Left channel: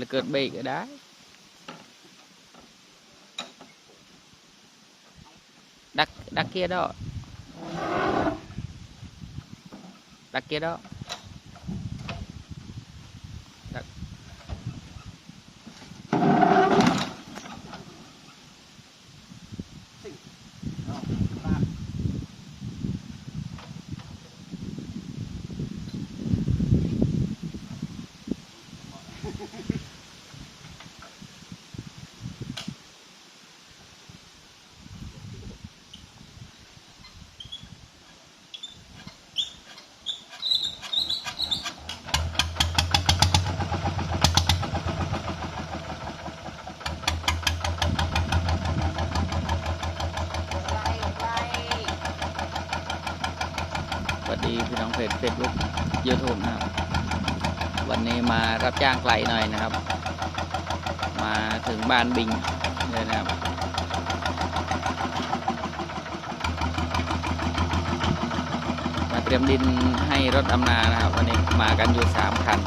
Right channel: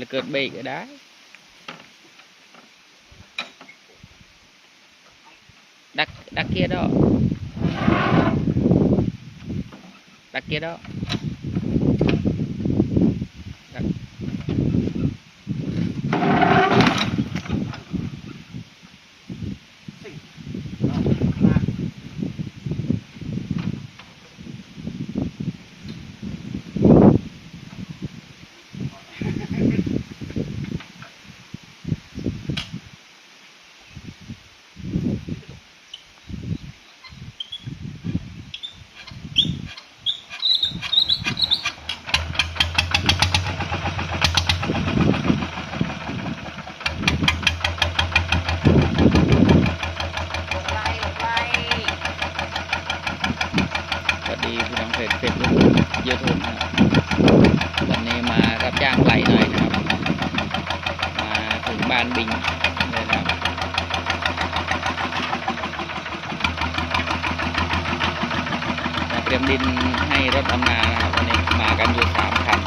là cợt bì cái đá. Đặt đặt kia đó. Đặt kia đó. เสร็จเสร็จเฟซบุ๊กยูทูบนะครับวันนี้มารับจ้างไหลหน่อยนะครับ มาถึงบ้านบิงเลยนะครับมาเตรียมดินให้รถอำนานะครับวันนี้มากันอยู่สามคัน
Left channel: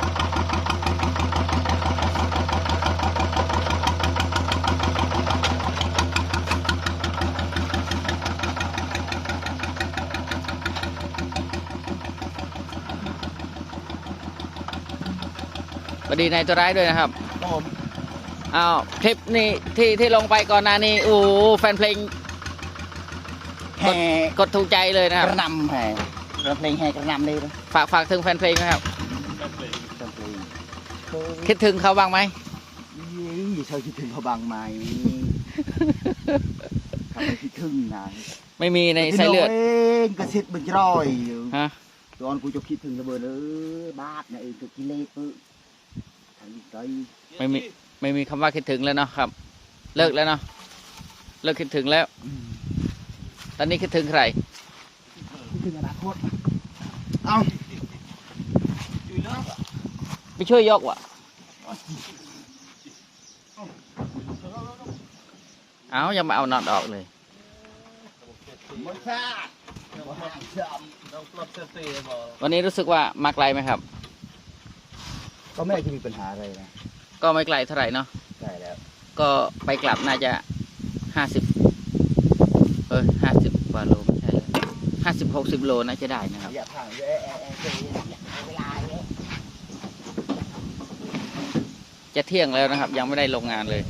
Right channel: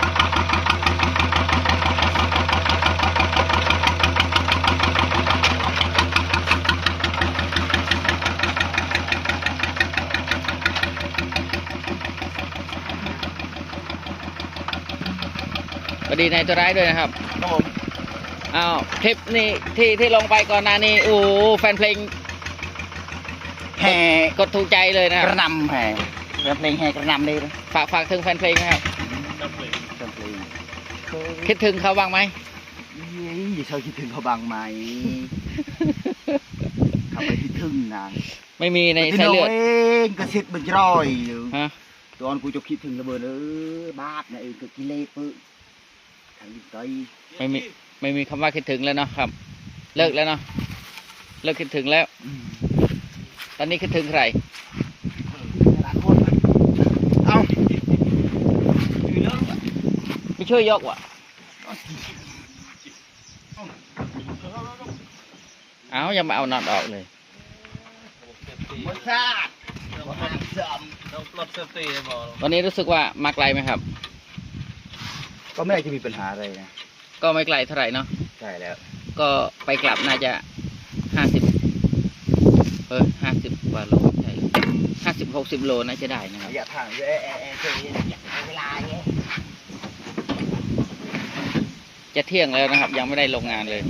วัสดีนายตัวร้ายด้วยนะครับครับผมอ้าวทริปนี้ที่ที่ลงไปก่อนหน้านี้โอ้โหแฟนเพลงแห่กดถูกใจเลยนะคกรับระหนำแห่แล้วเพลงแห่กระหนำเลยนะฝากฝากถึงแฟนเพลงนะครับเป็นเพลงคิดถึงเขาบ้างไหมยี่เคยคิดถึงเขาบ้างไหม เขาไปคิดถึงนางไม่มีในสายเลือดเองกระซิบบึงร้อยอยู่ฮะ ตอนกูจะคิดถึงระเบิดเออบาดนะเองก็กิเลสปึ๊บทางนี้ ไกลไม่มีไม่มีคำว่าคิดถึงแล้วเนาะครับ เลิกแล้วเนาะเลิกคิดถึงแล้ว ตอนนี้คิดถึงใครหลายคนเอ้าช่วยเลิกไปช่วยยกวะเอายังมาเอาน็อตออกเลยหมดชาติหมดทางเสื่อมต้องปลดเซฟตี้ให้บอกวันนี้รู้สึกว่ามาไกลไหมครับ ก็ไม่ได้จะมีปัญหาอะไรนะก็ไม่ไกลเท่าไหร่เนาะใช่แล้ว ก็ไปกลับน่าจะห้าสิบเออห้าสิบกว่าโลใช่ห้าสิบหกสิบโลน่าจะได้นะครับระยะทางเยอะแอะแอะเคยเวลาเงี้ยจะเที่ยงแล้วนะครับ ยังไม่ได้ลงงานเลย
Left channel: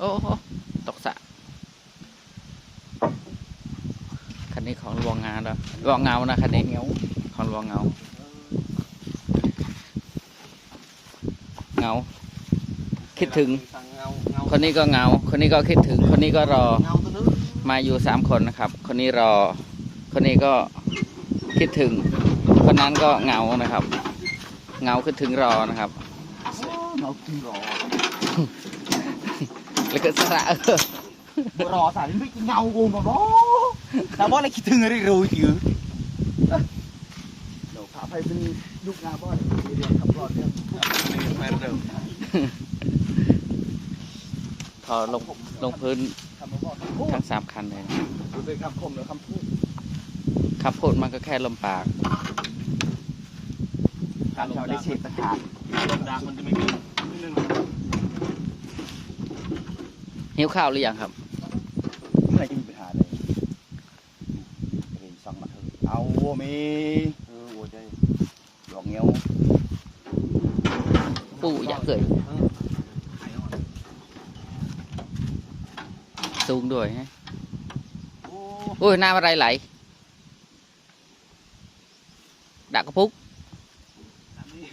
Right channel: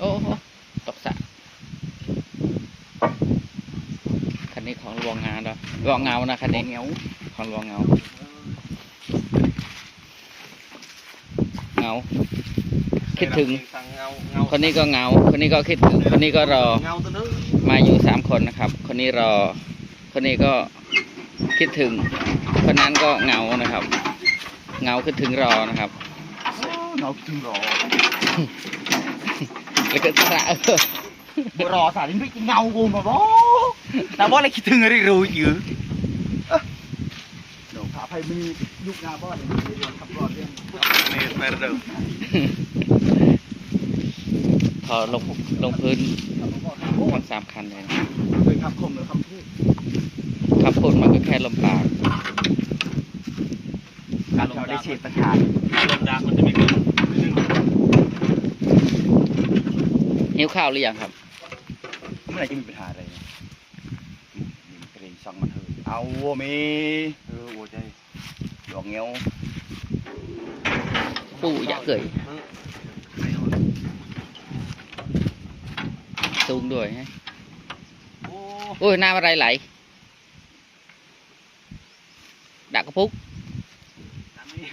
โอ้โหตกสระคันนี้ของรวงงานแล้ว รวงเงานะคันนี้เงาของรวงเงา เงา คิดถึงสั่งเงาเงาคนนี้ก็เหงา คนนี้ก็คิดถึง คนนี้ก็รอเงาตัวนึงมาอยู่สามคนนะครับ คนนี้รอ คนนี้ก็คิดถึง คนนั้นก็เหงานะครับเหงาคิดถึงรอนะครับเราถึงรอ แล้วก็สระ เออรอสารไม่เงากูมาบ่แต่ว่าอะไรคิดถึงอะไรรู้อยู่เดี๋ยวขาไปมียุคนาบ่เดี๋ยวขับรถนี่แฟนเดิมพอลงลงพื้นทั้งสามคันเลยนะเป็นคำคมหรือคำพูดคำพูดมันก็แค่ลมปากการที่เราได้เฉียดประทานลมดักมันจะไม่ขึ้นขึ้นหิวข้าวหรือยังครับมื่อ ไหร่จะมีปัญหาอะไรเกรงช่างมันเถอะเอาวัวมีเออวัวใจดอกเงี้ยวปู่อยากเกยสูงด้วยฮะโอ้โอ้ยน้ำอะไรไหลดักกระพุกน้ำนี่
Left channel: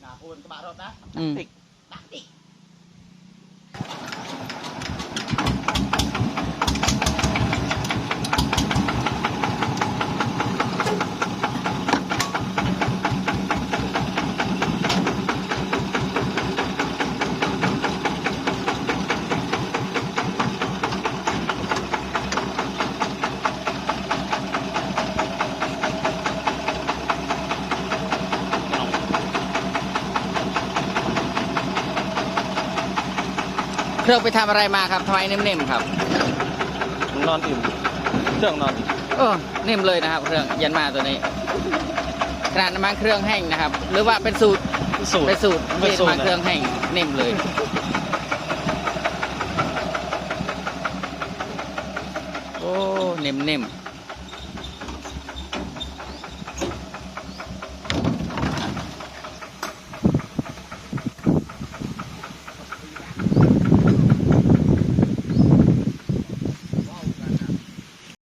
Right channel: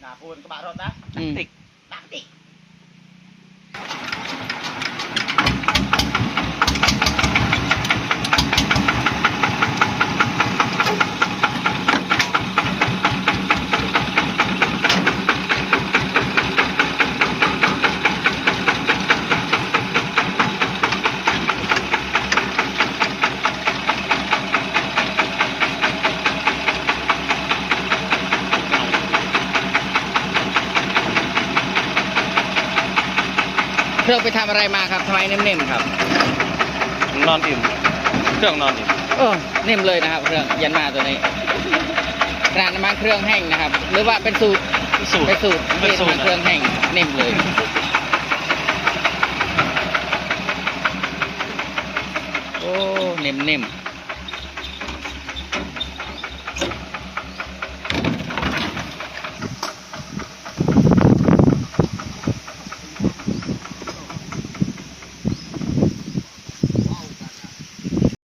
หนาโพนกระบะรถนะอืมติกดักติก รื่องไปทำอะไรมาครับทำไมนิ่มๆครับนอนอิ่ม เครื่องนอนอิ่มเออนิ่มเลยนะครับเครื่องยันมาตัวนี้ขนาดน้ำมันเครื่องแห้งนะครับ หรือว่าเป็นสูตรสูตรเป็นสูตรเป็นสูตรน้ำมันเครื่องแห้งนิ่มเลยโอ้นิ่มๆ